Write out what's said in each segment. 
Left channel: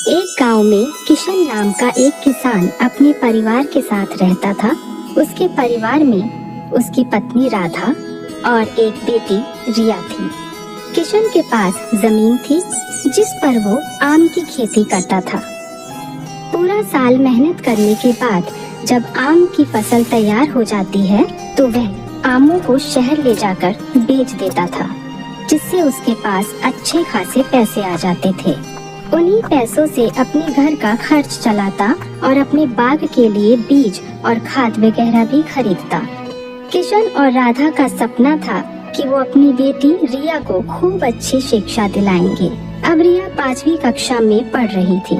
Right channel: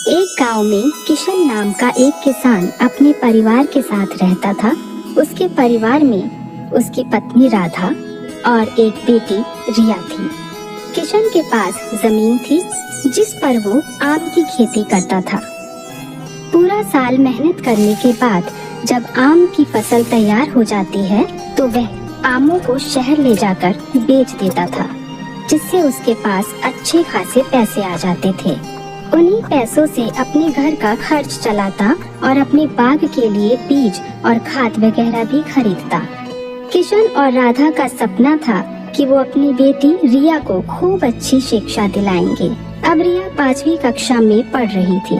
एक गांव में किशन नाम का एक किसान अपने परिवार के साथ रहता था। उसके परिवार में उसकी पत्नी राधा और एक बेटी रिया थी। किशन के पास जमीन थी जिस पर वो आम की खेती करता था। पूरा साल मेहनत करने के बाद जब आम की फसल तैयार हो जाती है तो वह आमों को शहर ले जाकर बेच देता था, जिससे उसके पास अच्छे खासे पैसे आ जाते थे। उन्हीं पैसों से अपने घर का खर्च चलाता और अपने बाग के लिए बीज और खाद वगैरह भी खरीदता। किशन और राधा का सपना था कि वो अपनी बेटी रिया को खूब अच्छी शिक्षा दिलाएंगे। अब रिया 5वीं कक्षा में पढ़ रही थी।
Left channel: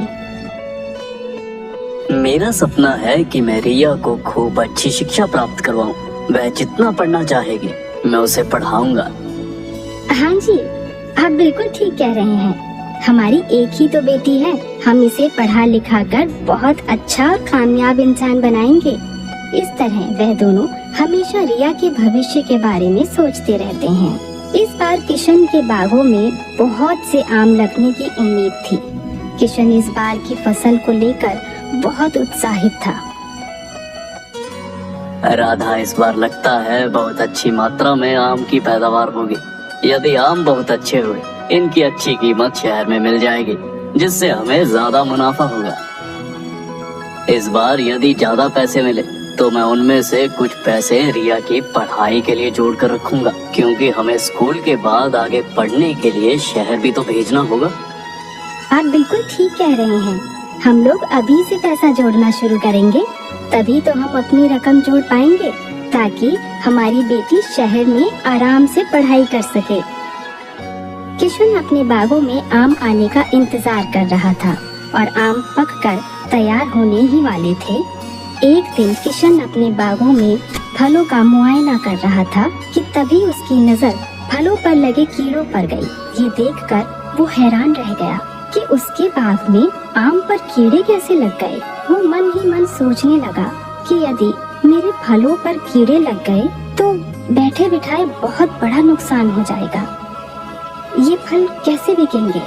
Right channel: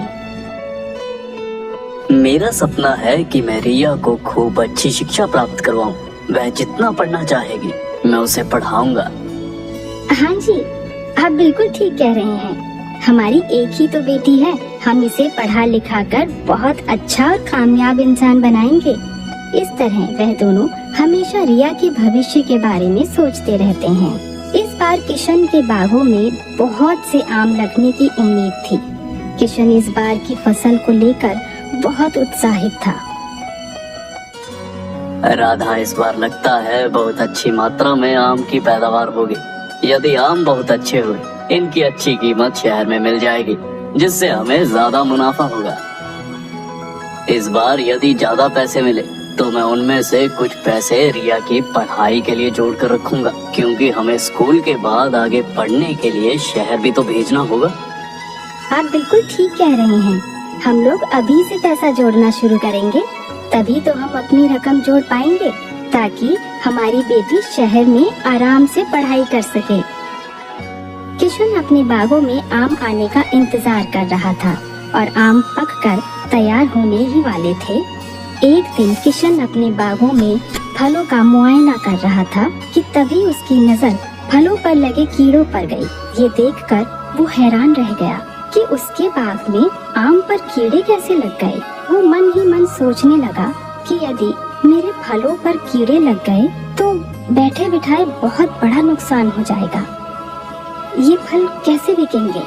मेरा सपना है कि मैं रिया को खूब अच्छी शिक्षा प्राप्त करवाऊं। वह जितना पढ़ना चाहेगी मैं उसे पढ़ाऊंगा। हाँ जी, आप बिल्कुल ठीक कह रहे हैं। हमारी एक ही तो बेटी है, हम इसे पढ़ा लिखा कर बहुत अच्छा और कामयाब इंसान बनाएंगे। इस तरह वह दोनों हमेशा रिया के भविष्य के बारे में सोचते रहते हैं। इस बार किशन के बागों में बहुत से आम लगने की उम्मीद थी। किशन इस बार की फसल को लेकर बहुत उत्साहित था। राधा, इस बार लगता है बहुत अच्छी मात्रा में आम की पैदावार होगी। यदि आम बहुत अच्छे हुए, इनकी अच्छी कीमत शहर में मिल जाएगी, जिससे हमें ज्यादा मुनाफा होगा। इस बार यदि ज्यादा पैसे मिले तो मैं उनमें से कुछ पैसे रिया की पढ़ाई के लिए जोड़ कर रखूंगा, क्योंकि हमें स्कूल के बाद आगे पढ़ने के लिए शहर भी तो भेजना होगा। आप बिल्कुल ठीक कह रहे हैं। हम लोग अभी से पैसा जोड़ना शुरू करेंगे, तभी तो हम अपनी रकम जोड़ पाएंगे, ताकि हमारी बेटी शहर में आराम से पढ़ाई कर सके। किशन अपने बागों में आम आने का इंतजार कर रहा था और आम पककर तैयार होने ही वाले थे। एक दिन किशन अपने बागों में फलों का मुआयना कर रहा था कि तभी उसकी नजर फलों पर लगे कीड़ों पर गई। ये देखकर वो हैरान रह गया कि उसके बाग में आम पर कीड़े कैसे लग गए। वो मन ही मन सोचने लगा कि यदि मेरे फलों पर कीड़े लग गए तो बैठे बिठाए बहुत बड़ा नुकसान हो जाएगा। ये फल कैसे बिकेंगे,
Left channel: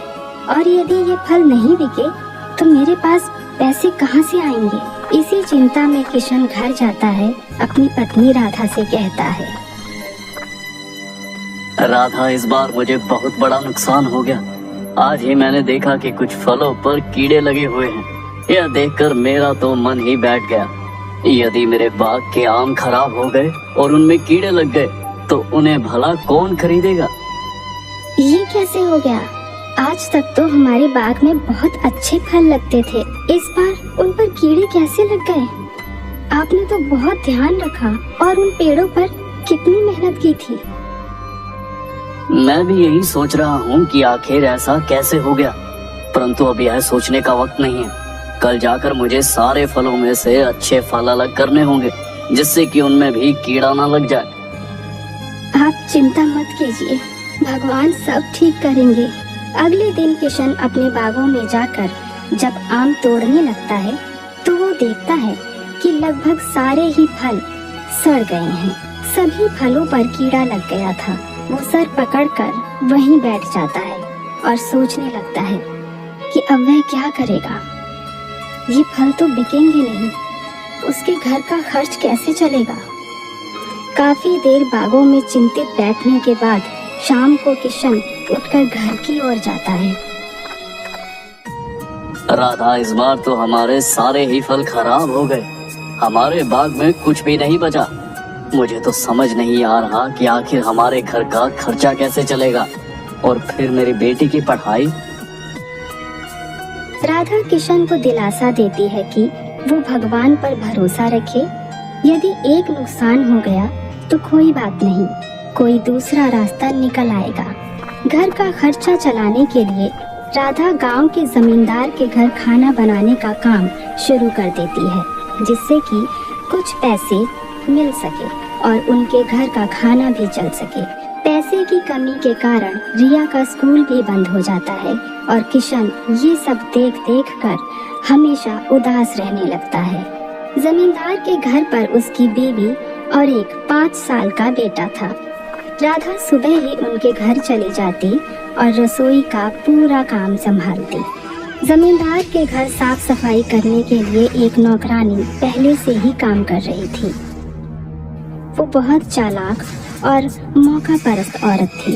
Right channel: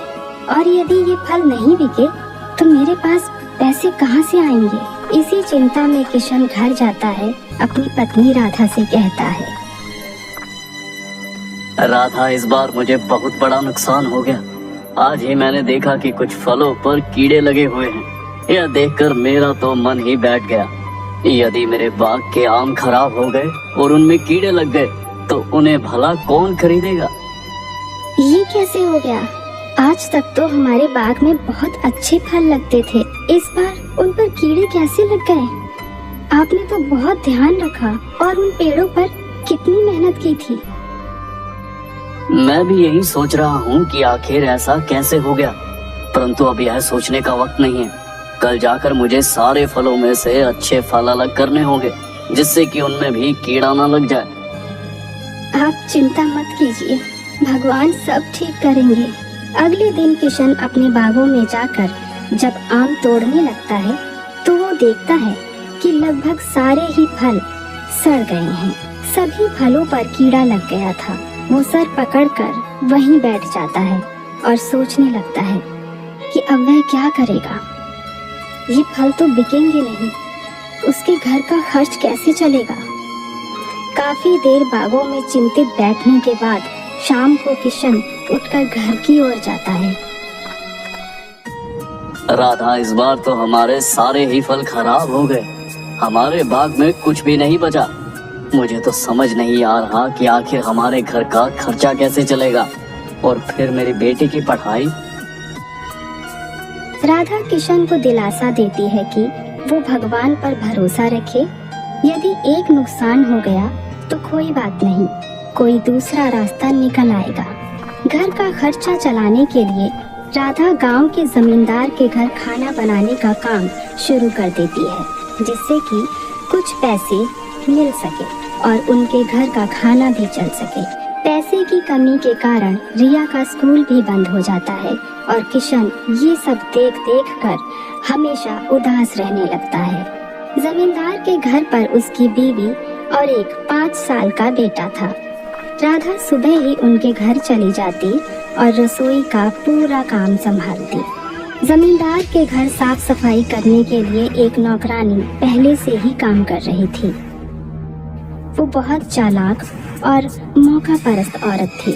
और यदि ये फल नहीं बिके तो मेरे पास पैसे कहाँ से आएंगे। इसी चिंता में किशन घर जाता है, अपनी पत्नी राधा से कहता है, राधा, इस बार मुझे बहुत बड़ा नुकसान हो गया। आज ही मैंने देखा कि कुछ फलों पर कीड़े लगे हुए हैं। यह देखकर मेरा तो मन ही बैठ गया। यदि मेरे बाग के आम खराब हो गए और उनमें कीड़े लग गए तो उन्हें भला कौन खरीदेगा। ये कैसे हो गया? आज तक तो हमारे बाग में बहुत अच्छे फल लगते थे, इस बार उन पर कीड़े कैसे लग गए? आपने तो बहुत ध्यान रखा और उन पेड़ों पर कितनी मेहनत की थी। मैं भी यही सोच रहा हूँ कि आखिर ऐसा कैसे हो गया, परंतु अब यह सोचने का वक्त नहीं है। कल जाकर मुझे सारे फलों में से अच्छे फल अलग करने होंगे, जिससे कि उनमें भी कीड़ा न लग जाए। आप चिंता मत कीजिए, भगवान सब ठीक करेंगे। अगले दिन किशन अपने बागों में जाकर जब आम तोड़ने लगता है तो वो देखता है कि लगभग सारे ही फल सड़ गए हैं। सभी फलों पर कीड़ा लग गया था। वो सर पकड़कर वहीं बैठ जाता है और सोचने लगता है कि अब वह क्या करेगा। ये फल तो बिकेंगे नहीं, उसके घर का खर्च कैसे चलेगा। काफी देर बागों में चिंतित बैठने के बाद शाम को किशन उठकर घर की ओर जाता है। राधा, इस बार तो हमारे सारे ही फल खराब हो गए। हमारे बाग में कुछ भी नहीं बचा। मुझे तो समझ नहीं आ रहा कि आखिर हमारे घर का खर्चा कैसे चलेगा, और फिर मेरी बेटी की पढ़ाई। राधा किशन को दिलासा देती है कि वो भगवान पर भरोसा रखे। यदि एक नुकसान हो गया तो कोई बात नहीं, कोई दूसरा रास्ता निकल आएगा। घर का खर्चा चलाने के लिए राधा गांव के जमींदार के घर खाना बनाने का काम शुरू कर देती है, जिससे कि कुछ पैसे मिल सके और उनके घर का खाना भी चल सके। पैसे की कमी के कारण रिया का स्कूल भी बंद हो जाता है और किशन ये सब देख देख कर हमेशा उदास रहने लगता है। जमींदार के घर पर उसकी बीवी और एक 5 साल का बेटा था। राधा सुबह ही उनके घर चली जाती और रसोई का पूरा काम संभालती। जमींदार के घर साफ सफाई करने के लिए एक नौकरानी पहले से ही काम कर रही थी। वो बहुत चालाक और मौका परस्त औरत थी।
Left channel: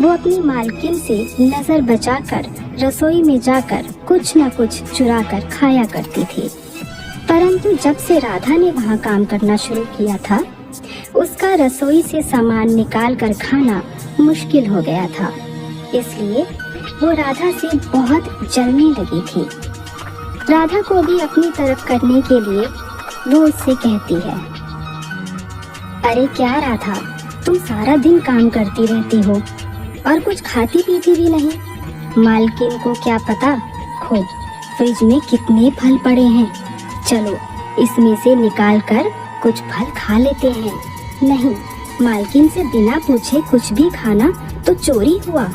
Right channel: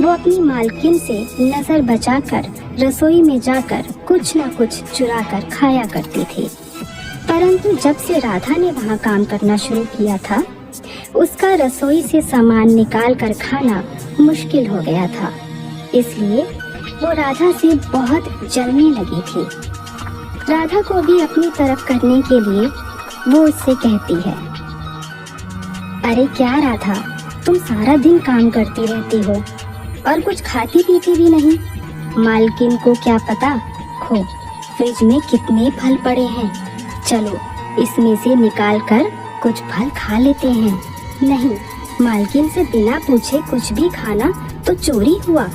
वो अपनी मालकिन से नजर बचाकर रसोई में जाकर कुछ न कुछ चुरा कर खाया करती थी। परंतु जब से राधा ने वहाँ काम करना शुरू किया था, उसका रसोई से सामान निकाल कर खाना मुश्किल हो गया था। इसलिए वो राधा से बहुत जलने लगी थी। राधा को भी अपनी तरफ करने के लिए वो उससे कहती है, अरे क्या राधा, तुम सारा दिन काम करती रहती हो और कुछ खाती पीती भी नहीं। मालकिन को क्या पता खो फ्रिज में कितने फल पड़े हैं, चलो इसमें से निकाल कर कुछ फल खा लेते हैं। नहीं, मालकिन से बिना पूछे कुछ भी खाना तो चोरी हुआ।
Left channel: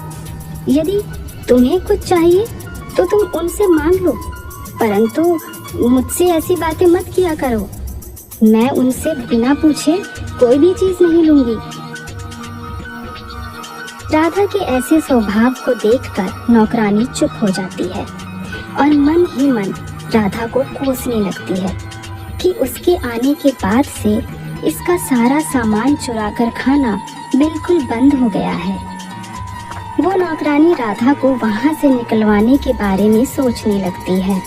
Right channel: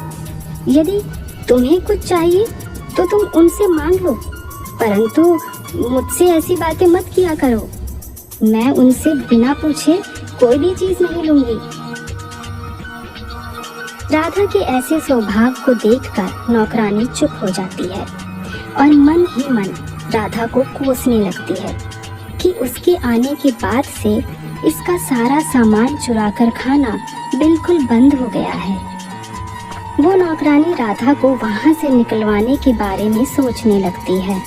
यदि तुम्हें कुछ चाहिए तो तुम उनसे मांग लो, परंतु मुझसे ऐसी बातें मत किया करो। मैं उनसे बिना पूछे कोई भी चीज नहीं लूंगी। राधा के ऐसे स्वभाव को देखकर नौकरानी चुप हो जाती है और मन ही मन राधा को कोसने लगती है कि उसके आने के बाद से इसका सारा सामान चुराकर खाना बिल्कुल बंद हो गया है। वो नौकरानी राधा को वहाँ से निकलवाने के बारे में सोचने लगती है,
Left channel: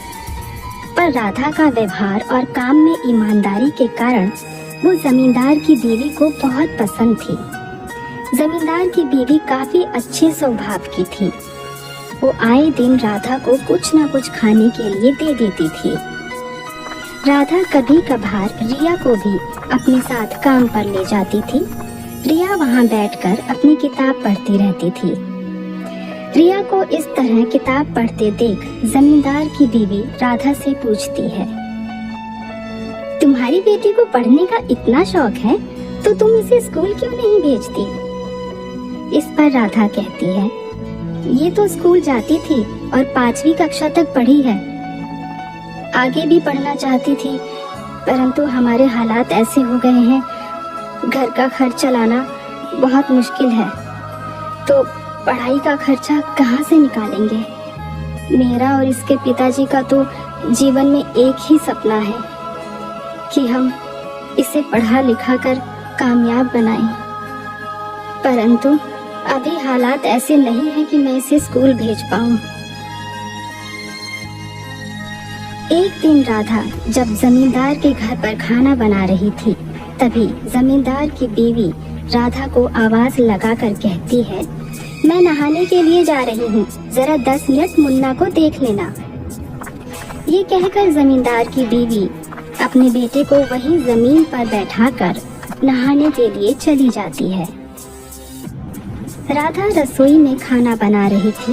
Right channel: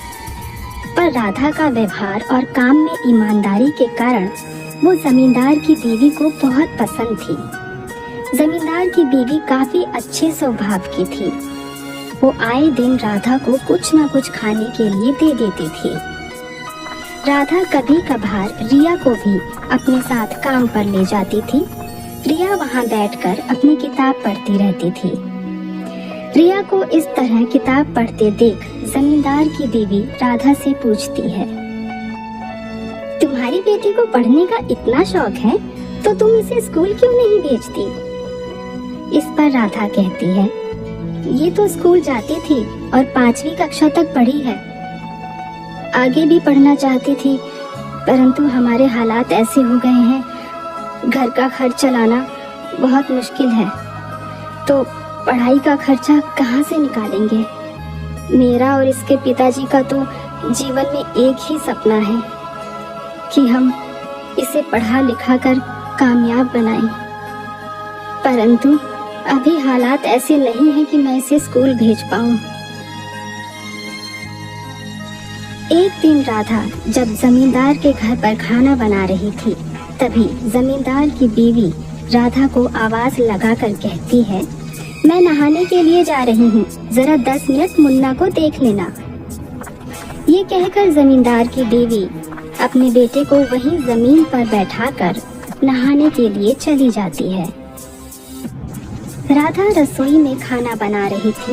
पर राधा का व्यवहार और काम में ईमानदारी के कारण वो जमींदार की बीवी को बहुत पसंद थी। जमींदार की बीवी काफी अच्छे स्वभाव की थी। वो आए दिन राधा को कुछ न कुछ खाने के लिए दे देती थी। राधा कभी कभार रिया को भी अपने साथ काम पर ले जाती थी। रिया वहाँ बैठकर अपनी किताब पढ़ती रहती थी। रिया को इस तरह किताब पढ़ते देख जमींदार की बीवी राधा से पूछती है, तुम्हारी बेटी को पढ़ने का इतना शौक है तो तुम इसे स्कूल क्यों नहीं भेजती? इस पर राधा कहती है, ये तो स्कूल जाती थी और 5वीं कक्षा तक पढ़ी है। आगे भी पढ़ना चाहती थी, परंतु हमारे हालात ऐसे हो गए हैं, घर का खर्च चलाना बहुत मुश्किल है, तो पढ़ाई का खर्चा कहाँ से निकालेंगे? मेरा और इसके पिताजी का तो जीवन में एक ही सपना है कि हम इसे पढ़ा लिखा कर कामयाब बनाएं। परंतु अभी हालात ऐसे नहीं हैं कि मैं इसे स्कूल भेज पाऊं। एक दिन राधा जब जमींदार के घर पर खाना बना रही थी, तभी जमींदार की बीवी राधा को आवाज लगाकर कहती है, मैं नहाने के लिए जा रही हूँ, जरा 10 मिनट मुन्ना को देख लेना। ये कहकर जमींदार की बीवी अपने बेटे को वहीं जमीन पर बैठाकर नहाने के लिए चली जाती है। राधा रसोई में खाना बना रही थी।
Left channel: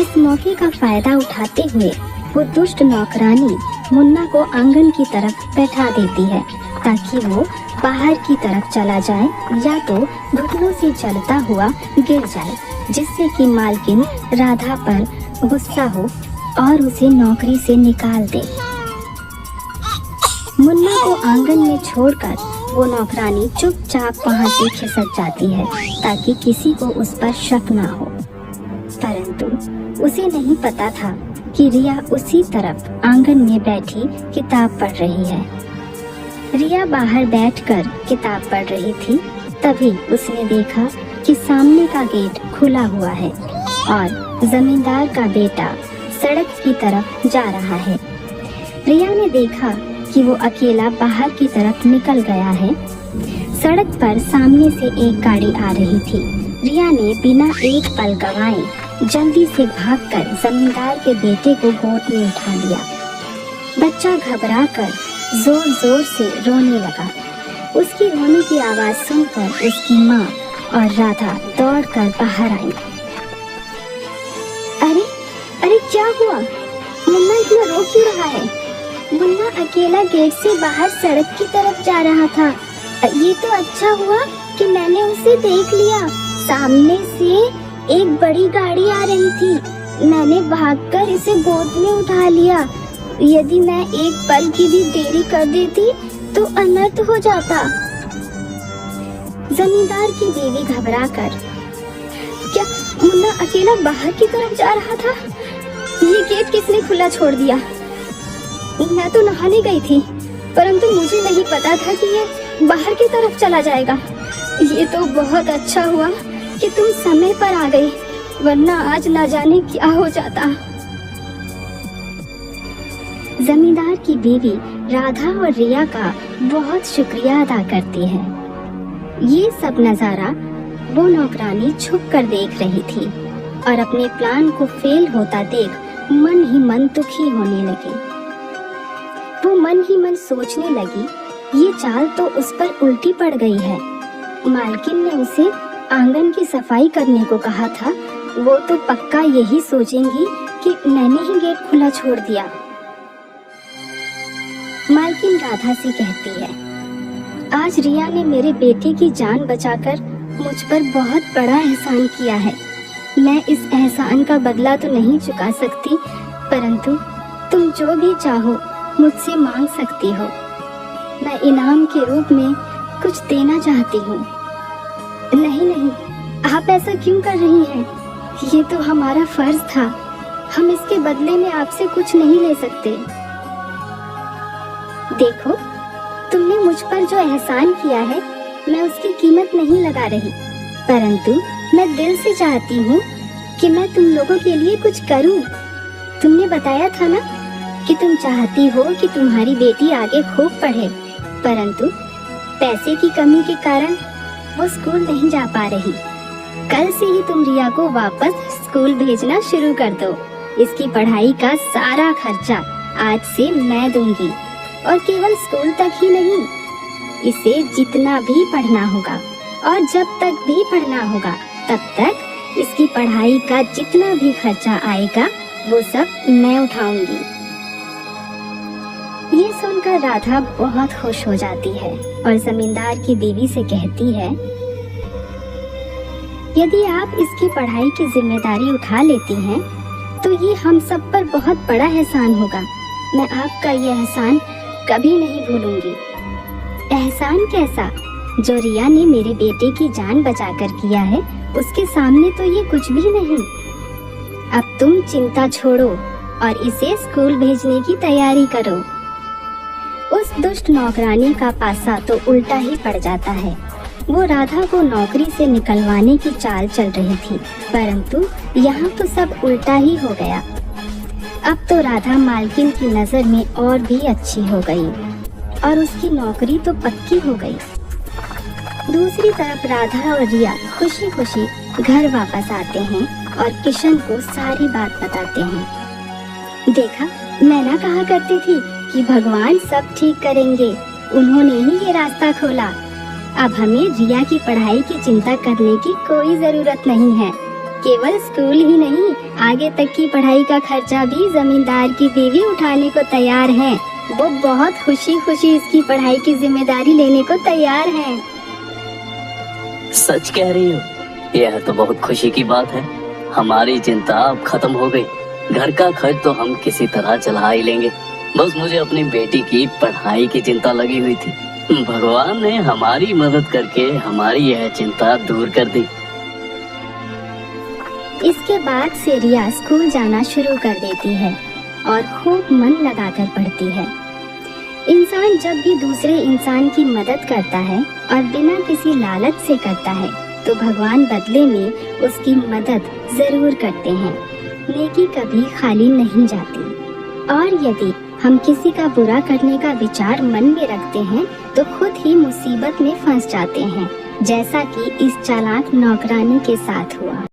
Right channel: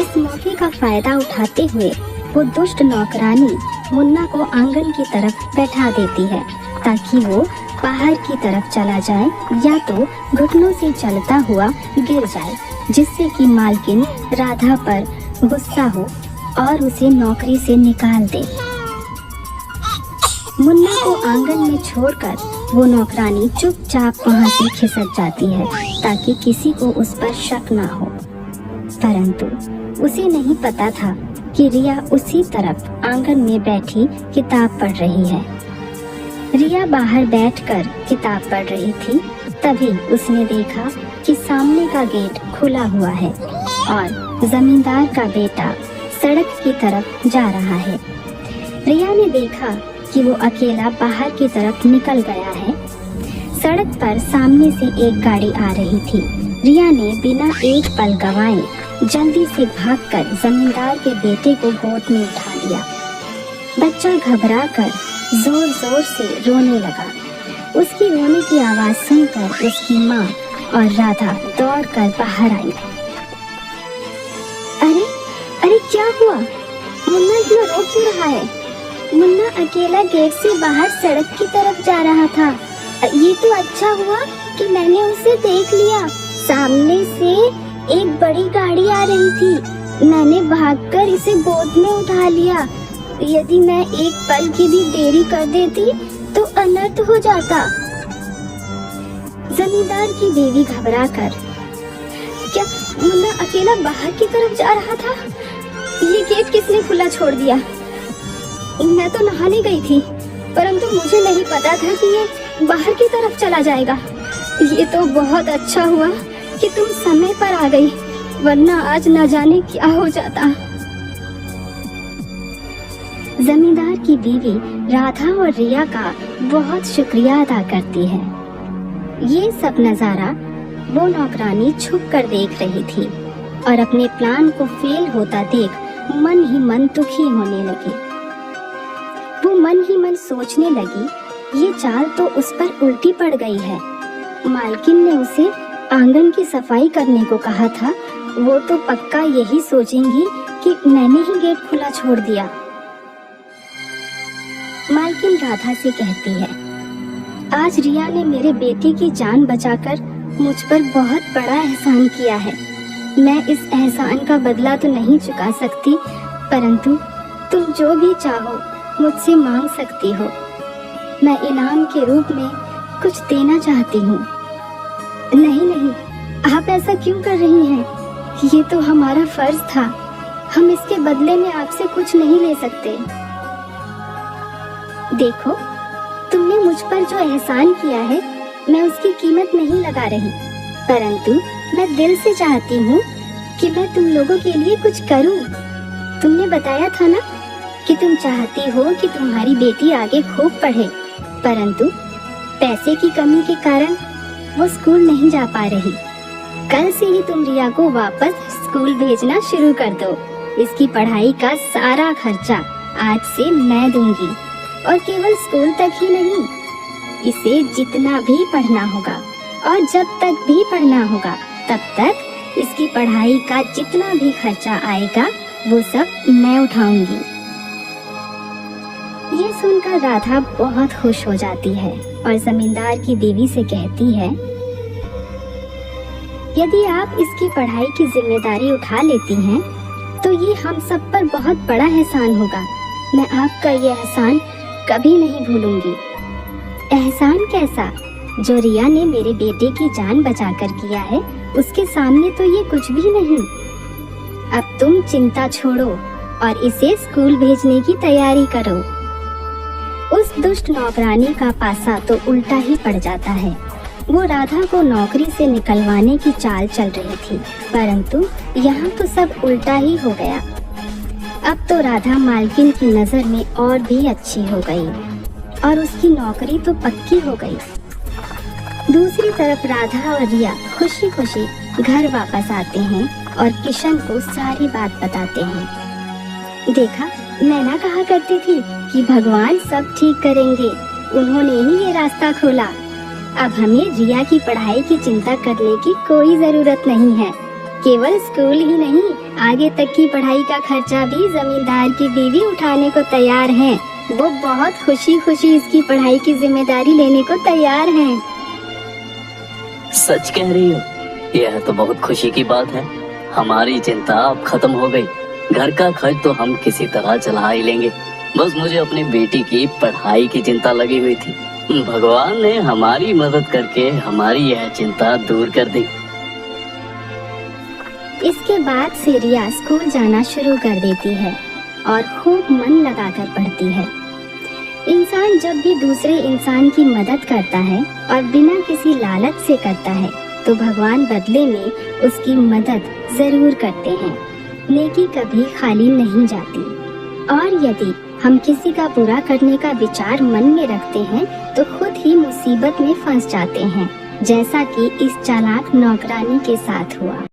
इस मौके का फायदा उठाते हुए वो दुष्ट नौकरानी मुन्ना को आंगन की तरफ बैठा देती है ताकि वो बाहर की तरफ चला जाए या तो घुटनों से चलता हुआ गिर जाए, जिससे कि मालकिन राधा पर गुस्सा हो और उसे नौकरी से निकाल दे। मुन्ना को आंगन में छोड़कर वो नौकरानी चुपचाप वहाँ से खिसक जाती है ताकि किसी को उस पर शक न हो। परंतु उसे नहीं पता था कि रिया उसी तरफ आंगन में बैठी किताब पढ़ रही है। रिया बाहर बैठकर किताब पढ़ रही थी, तभी उसने देखा कि सामने का गेट खुला हुआ है और जमींदार का बेटा सड़क की तरफ जा रहा है। रिया ने देखा कि वो अकेला बाहर की तरफ निकल गया है। सड़क पर सामने से एक गाड़ी आ रही थी। रिया ने बिना एक पल गवाए जल्दी से भागकर जमींदार के बेटे को गोद में उठा लिया। बच्चा घबराकर जोर जोर से रोने लगा। उसकी रोने की आवाज सुनकर उसकी माँ और राधा दौड़कर बाहर आई। अरे अरे क्या हुआ? मुन्ना इतना रो क्यों रहा है? मुन्ना अकेला गेट से बाहर सड़क की तरफ जा रहा था। ये तो अच्छा हुआ कि मैंने उसे देख लिया। सामने से एक बड़ी गाड़ी आ रही थी। मैंने भागकर इसे गोद में उठा लिया। यदि मैं एक पल की भी देरी कर देती तो अनर्थ हो जाता। जमींदार की बीवी घबराकर, क्या मुन्ना अकेला बाहर की तरफ जा रहा था? ये गेट किसने खुला छोड़ दिया? मैं तो नहाने गई थी, परंतु मुझे नहीं पता था कि ये बाहर की तरफ चला जाएगा। ये तो बहुत अच्छा हुआ कि तुम समय पर आ गई, वरना आज ना जाने क्या हो जाता। जमींदार की बीवी राधा और रिया का बहुत शुक्रिया अदा करती है। ये सब नजारा वो नौकरानी छुप कर देख रही थी और अपने प्लान को फेल होता देख मन ही मन दुखी होने लगी। वो मन ही मन सोचने लगी, ये चाल तो उस पर उल्टी पड़ गई है। मालकिन ने उसे आंगन की सफाई करने को कहा था, वो तो पक्का यही सोचेंगी कि मैंने ही गेट खुला छोड़ दिया। मालकिन राधा से कहती है, आज रिया ने मेरे बेटे की जान बचाकर मुझ पर बहुत बड़ा एहसान किया है। मैं इस एहसान का बदला तो नहीं चुका सकती, परंतु तुम जो भी चाहो मुझसे मांग सकती हो। मैं इनाम के रूप में कुछ देना चाहती हूँ। नहीं नहीं, आप ऐसा क्यों कर रही हैं? ये तो हमारा फर्ज था, हम इसके बदले में आपसे कुछ नहीं ले सकते। देखो, तुमने मुझ पर जो एहसान किया है, मैं उसकी कीमत नहीं लगा रही, परंतु मैं दिल से चाहती हूँ कि मैं तुम लोगों के लिए कुछ करूँ। तुमने बताया था ना कि तुम चाहती हो कि तुम्हारी बेटी आगे खूब पढ़े, परंतु पैसे की कमी के कारण वो स्कूल नहीं जा पा रही। कल से ही तुम रिया को वापस स्कूल भेजना शुरू कर दो। इसकी पढ़ाई का सारा खर्चा आज से मैं दूंगी, और केवल स्कूल तक ही नहीं, इसे जितना भी पढ़ना होगा और जब तक भी पढ़ना होगा तब तक इसकी पढ़ाई का जितना भी खर्चा आएगा वो सब मैं उठाऊंगी। ये सुनकर राधा बहुत खुश हो जाती है और जमींदार की बीवी से कहती है, यदि आप इसकी पढ़ाई की जिम्मेदारी उठा लेती हैं तो ये हम सब पर बहुत बड़ा एहसान होगा। मैं आपका ये एहसान कभी नहीं भूलूंगी। एहसान कैसा? जो रिया ने मेरे बेटे की जान बचाकर किया है, उसके सामने तो ये कुछ भी नहीं। अब तुम चिंता छोड़ो और इसे स्कूल भेजने की तैयारी करो। उस दुष्ट नौकरानी का पासा तो उल्टा ही पड़ जाता है। वो राधा को नौकरी से निकलवाने की चाल चल रही थी, परंतु यहाँ तो सब उल्टा ही हो गया। अब तो राधा मालकिन की नजर में और भी अच्छी हो गई और उसकी नौकरी तो पक्की हो गई। दूसरी तरफ राधा और रिया खुशी खुशी घर वापस आते हैं और किशन को सारी बात बताते हैं। देखा, मैं ना कहा करती थी कि भगवान सब ठीक करेंगे, उन्होंने ही ये रास्ता खोला। अब हमें रिया की पढ़ाई की चिंता करने की कोई जरूरत नहीं है। केवल स्कूल ही नहीं, आगे तक की पढ़ाई का खर्चा भी जमींदार की बीवी उठाने को तैयार है। वो बहुत खुशी खुशी इसकी पढ़ाई की जिम्मेदारी लेने को तैयार है। सच कह रही हो, यह तो बहुत खुशी की बात है। हमारी चिंता अब खत्म हो गई। घर का खर्च तो हम किसी तरह चला ही लेंगे। बस मुझे अपनी बेटी की पढ़ाई की चिंता लगी हुई थी। भगवान ने हमारी मदद करके हमारी यह चिंता दूर कर दी। इसके बाद से रिया स्कूल जाना शुरू कर देती है और खूब मन लगाकर पढ़ती है। इंसान जब भी दूसरे इंसान की मदद करता है और बिना किसी लालच से करता है, तो भगवान बदले में उसकी मदद जरूर करते हैं। नेकी कभी खाली नहीं जाती। और यदि हम किसी का बुरा करने का विचार मन में रखते हैं तो खुद ही मुसीबत में फंस जाते हैं, जैसा कि इस चालाक नौकरानी के साथ हुआ।